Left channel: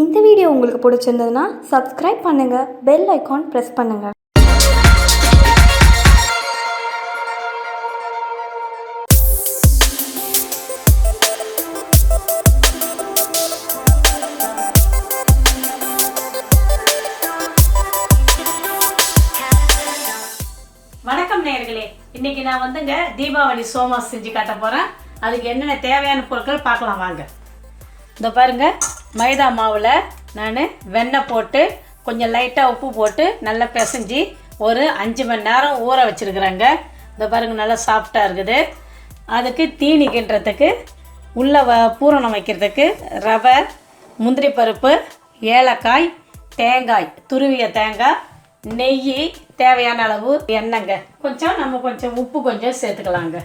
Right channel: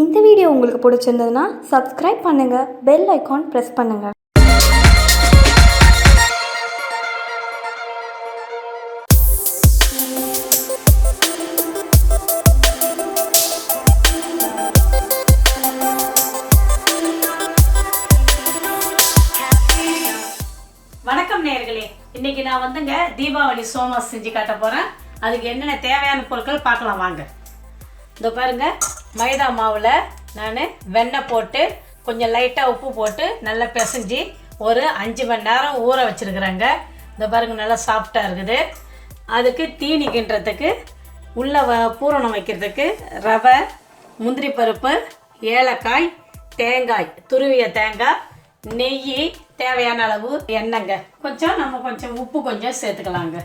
இந்த வீடியோ உங்களுக்கு பிடிச்சிருந்ததுன்னா சப்ஸ்கிரைப் பண்ணுங்கள், பெல் ஐக்கான் ப்ரெஸ் பண்ணுங்கள். வணக்கம் நேயர்களே, இன்னைக்கு நான் வந்துங்க தீபாவளி சோமாஸ் செஞ்சு காட்ட போகிறேன். அதுக்கு என்னென்ன தேவையான பொருட்கள் பார்க்கலாம் வாங்க. இந்த பாருங்க, மைதா மாவில் நான் வெண்ணெய் போட்டு கொஞ்சம் லைட்டாக உப்பு போட்டு நல்லா பிசைஞ்சு ஒரு 5 மணி நேரம் ஊற வச்சுருக்குறேங்க. இந்த பாருங்க, நல்லா சாஃப்டாக இருக்குது. அதுக்கு தீனி கிண்டுறதுக்கு உள்ள பூரணம் வைக்கிறதுக்கு ரவை, முந்திரி பருப்பு, ஏலக்காய், தேங்காய், துருவிய தேங்காய், நெய், தேவையான அளவு எண்ணெய்ங்க, கொஞ்சம் உப்பு கொஞ்சம் சேர்த்துக்கலாங்க.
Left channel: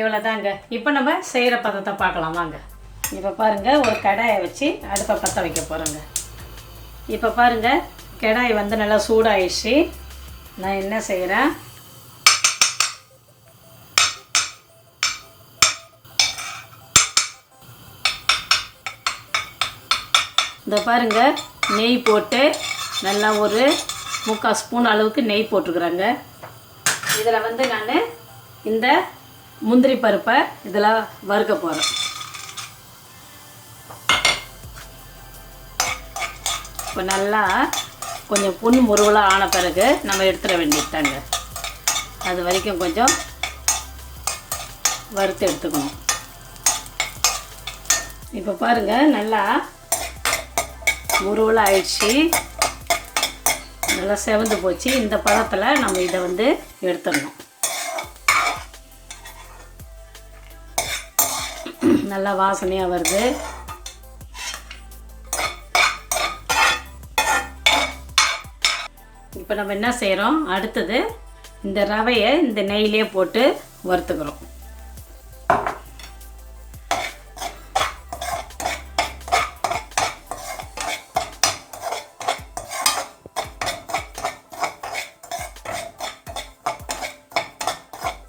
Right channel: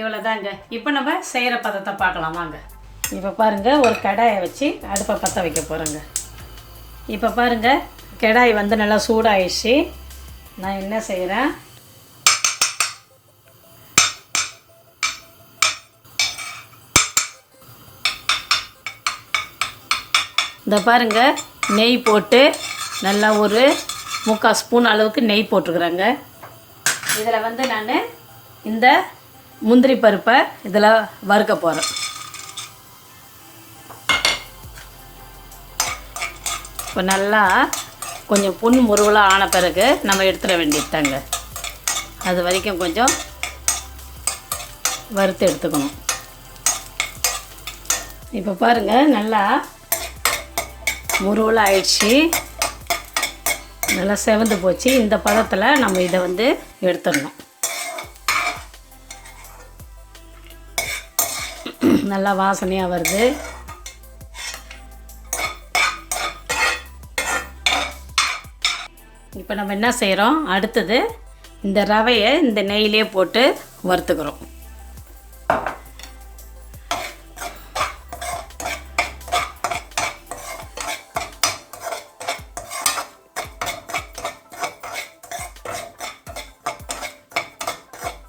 இவ்வளோதாங்க. இப்போ நம்ம செய்கிற பதத்தை பார்க்கலாம் வாங்க. இப்போ பாருங்கள், ஒரு கடாயை வச்சு அடுப்பை பற்ற வைக்க போகிறோங்க. இப்போ பாருங்கள், கடாய் வந்து நல்லா சூடாகிடுச்சு. நான் என்ன செய்கிறேன், இந்த பாருங்கள், நெய் போட்டு நல்லா ஒரு 3/4 ஸ்பூன் அளவுக்கு நெய் போட்டுருக்குறேங்க. இதில் வந்து நான் இந்த முந்திரி பருப்பை இதில் வறுக்க போகிறேன். இப்போ நல்லா கொஞ்சம் பொன் முருகலாக ஆன பிறகு நம்ம எடுத்துட வேண்டியதாங்க. அது வரைக்கும் கொஞ்சம் வறுத்து எடுத்துக்கணும். இப்போ பாருங்கள், நல்லா முருகலாக ஆயிடுச்சு, நல்லா செவந்து போச்சு. இந்த பதத்தில் நம்ம இதை வந்து எடுத்துடணும். நல்லா வாசனையாக வருது. இப்போ நம்ம என்ன செய்கிறோம், அடுத்தது இந்த ரவையை இந்த நெய்யிலே போட்டு வறுத்துக்கிறோம்.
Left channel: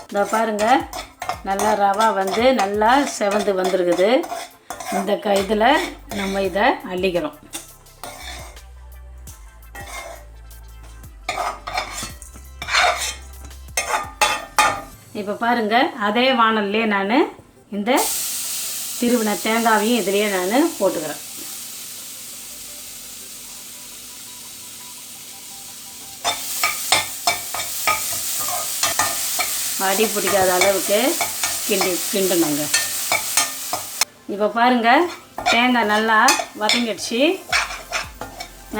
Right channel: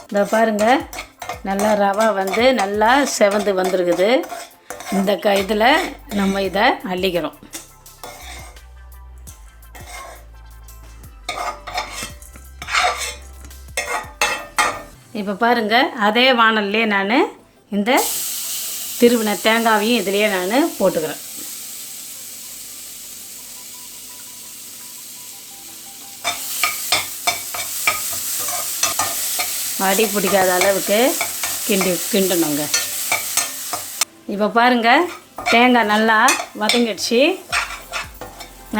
இந்த பாருங்கள், நல்லா ரவை வந்து நல்லா செவந்து வந்துருக்குது. இந்த இதில் நம்ம இதை அள்ளிக்கிறோம். இப்போ பாருங்கள், அதே வானல்லையே நான் இந்த திருவின தேங்காவையும் இதிலேயே நான் போட்டுக்கிறேன். அடி பிடிக்காத அளவுக்கு கிண்டணுங்க. இப்போ பாருங்கள், தேங்காய் நல்லா வதங்கிடுச்சு,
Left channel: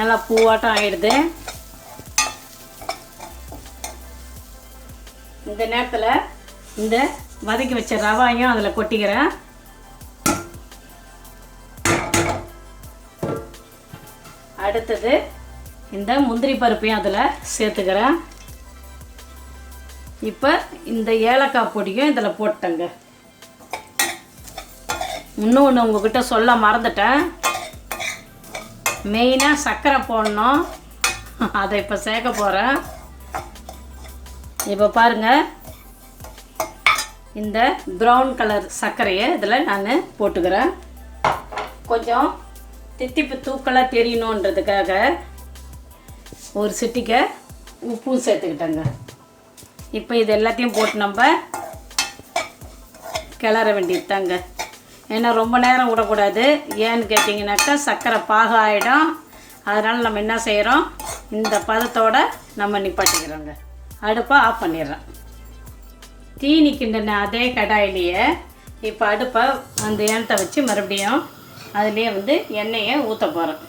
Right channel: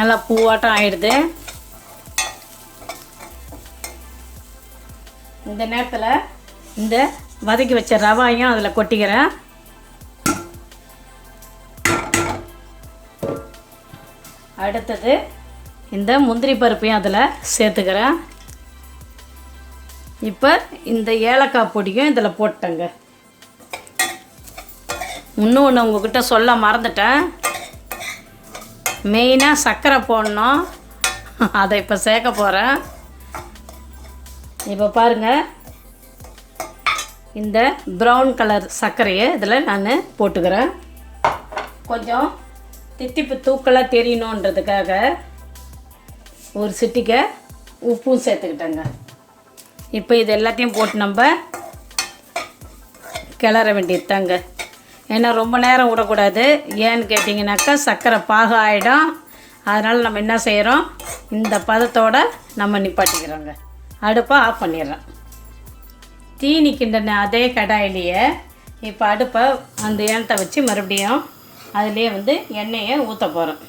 நல்லா பூவாட்டம் ஆயிடுது. இந்த நேரத்தில் இந்த வதக்கி வச்ச ரவாயும் அதில் கொட்டிக்கிறேன். அடுத்தது இந்த முந்திரி பருப்பையும் அதில் சேர்த்துக்கிறேன். இப்போ இந்த ஏலக்காய் பொடியும் இதில் போட்டேங்க. இன்னொன்று உங்கள்கிட்ட சொல்ல மறந்துட்டேன், மெயினாக சர்க்கரை போடணும். அதை இப்போ சேர்க்க போகிறேன். இப்போ பாருங்கள், இந்த ப்ரௌன் கலர் சர்க்கரையை இதில் நான் போட்டுக்கிறேன். கொஞ்சம் தித்திப்பு தூக்கலாக தெரியணுன்றதுக்காக ஒரு சிட்டிக்கை உப்பும் சேர்த்துக்கிட்டேங்க. இப்போ இது எல்லாத்தையும் போட்டு நம்ம கிளற வேண்டியது தாங்க. ஏன்னா ரொம்ப நேரம் விடக்கூடாது. ஏன்னு கேட்டிங்கனாக்கா சர்க்கரை பாகு ஆகிடும். அதனால் நம்ம என்ன செய்கிறோம், இந்த பதத்தோடு நம்ம நிப்பாட்டிக்கிறோங்க. அடுப்பை ஆஃப் பண்ணிடுறோம். தீனி கிண்டின அதே கடாயிலேயே இப்போ அடுப்பை அந்த ஏனத்தை வச்சு மறுபடியும் அதுலேயே வந்து எண்ணெயை ஊற்ற போகிறோம்.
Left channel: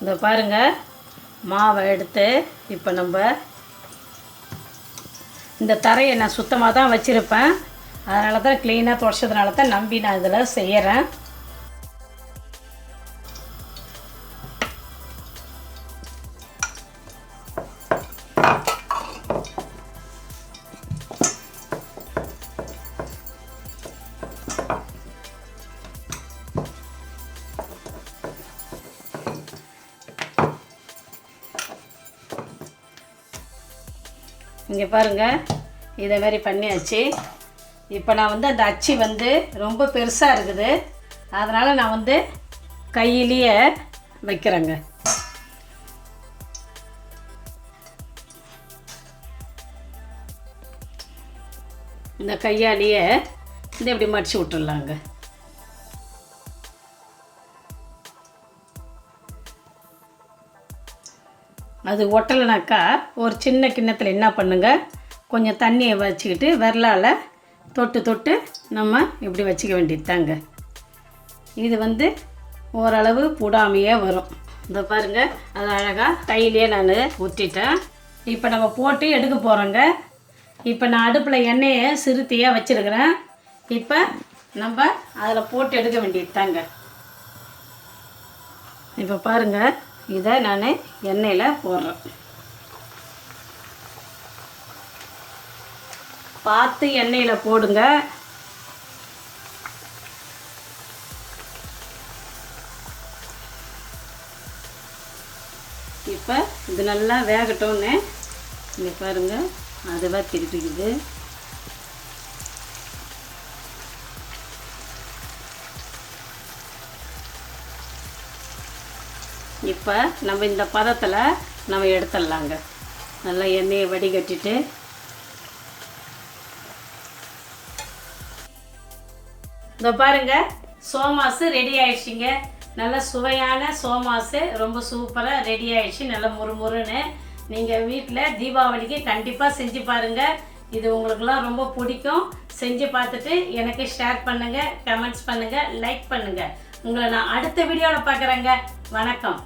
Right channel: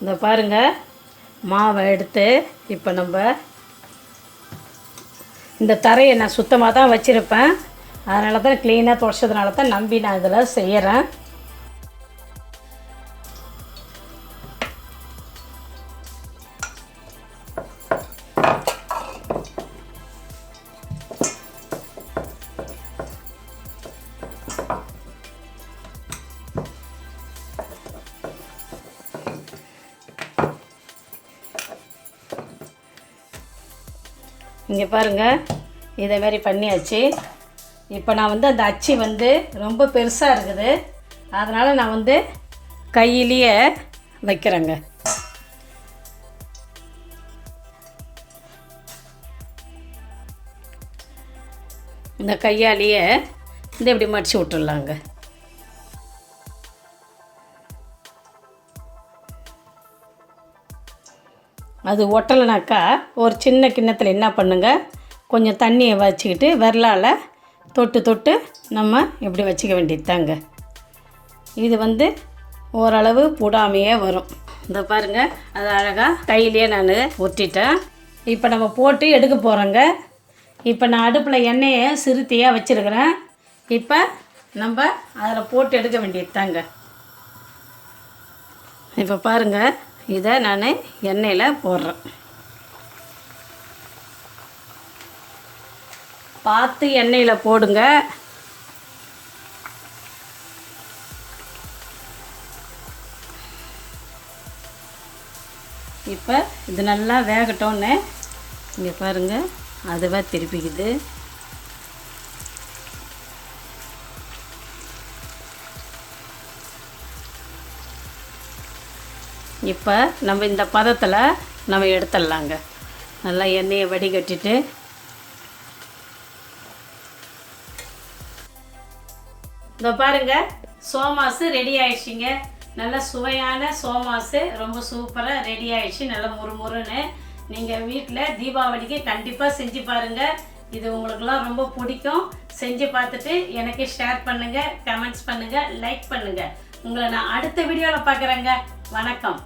இந்த பாருங்கள், மாவை எடுத்து இப்போ நம்ம இந்த தரையை நான் சுத்தமாக தான் வச்சுருப்பேன். அதனால தான் க்ளீனாக துடைச்சதுனால தான் நம்பி நான் இதில் செய்கிறேன். இங்கே பாருங்கள், இதை மாதிரி பண்ணியாச்சு. இப்போ நான் வந்து அந்த அச்சு வந்து ரொம்ப பெருசாக இருக்குது, அதனால் நான் வந்து கையிலேயே வைக்கிறேங்க. இந்த கையாலேயே இந்த இப்படி மடித்து விட்டுடலாங்க. அது ஒட்டலைனாக்கா ஒரு சின்ன கிண்ணத்தில் என்ன பண்ணுங்க, கொஞ்சம் தண்ணியை வச்சுக்கிட்டு விரலால் தொட்டு தொட்டு நம்ம இப்படி வச்சுக்க வேண்டியது தாங்க. இது வந்து ஓரளவு போடாமையே வரும். இந்த பாருங்கள், அது அழகாக கையிலே நான் ஒட்டிட்டேன். இப்போ நம்ம போட்டு எடுக்க போகிறோங்க. இப்போ நான் அடுப்பில் எண்ணெயை சிறுத்தியாக வச்சுருக்கிறேன். இப்போ நம்ம அதில் போட்டு எடுக்க வேண்டியது தாங்க. இப்போ பாருங்கள், இதை நான் எண்ணெயில் போடுறேன். பார்த்து எண்ணெயில் போடுங்க. இப்போ இது நல்லா வேகட்டோன்னு இங்கே பாருங்கள், அதுவாக திருப்பிக்குது. இப்போ நம்ம இந்த பதத்தில் நம்ம எடுத்துடலாங்க. நல்லா எண்ணெயை வடிகட்டிட்டு இந்த பாருங்கள், சோமாஸு ரெடி ஆயிடுச்சுங்க. நல்ல சுவையான சோமாஸு ரொம்ப சூப்பராக ரெடி ஆயிடுச்சு. நல்லா முறுமுறுன்னு. நீங்கள் வீட்டில் தீபாவளிக்கு கண்டிப்பாக செஞ்சு பாருங்கள். இது உங்களுக்கெல்லாம் ரொம்ப பிடிக்கும். செஞ்சு பார்த்துட்டு எனக்கு ஷேர் பண்ணுங்கள், கமெண்ட்ஸ் பண்ணுங்கள், லைக் பண்ணுங்கள். உங்களை நான் அடுத்த வீடியோவில் பார்க்குறேங்க. வணக்கம்.